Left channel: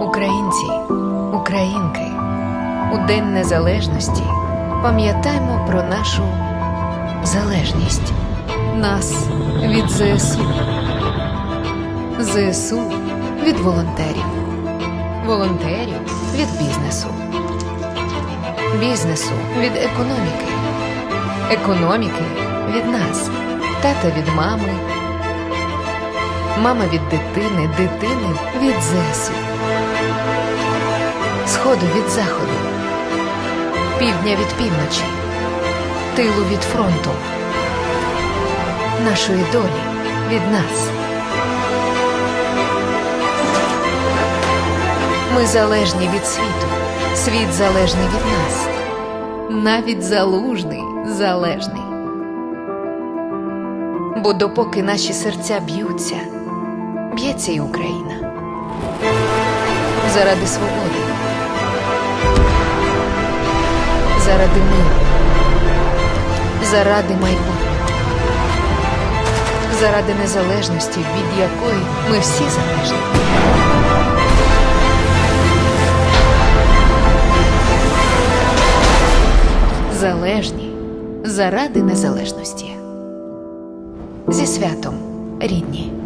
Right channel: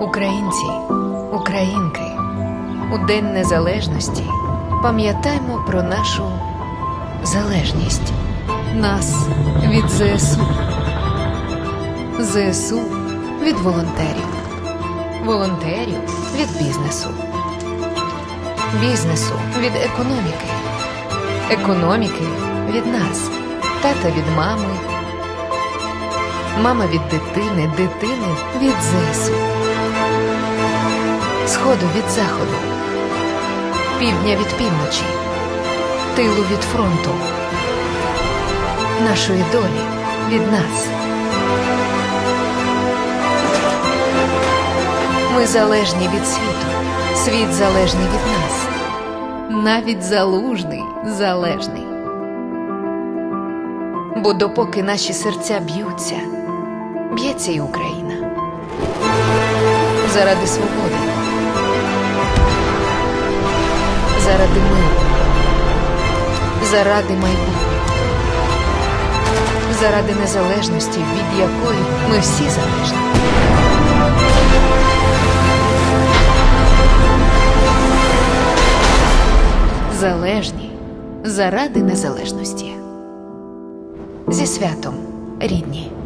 Українці, українки, у День Незалежності пам'ятаймо про нашу залежність, нас від ЗСУ, ЗСУ від волонтерів, волонтерів від бізнесу, бізнесу від економіки, економіки від нас, тата від мами, мама від дитини, дитини від ЗСУ. Сходу від заходу, півдня від півночі, тилу від фронту, нашої долі від нас. Ми залежні від світу, світ залежний від нас, навіть залужний залежний. Бо допоки наші серця б'ються, б'ється і Україна. Заради свободи, заради миру, заради майбутнього, заради незалежності, від якої ми всі залежні. Залежні заради незалежності. Зі святом, рідні.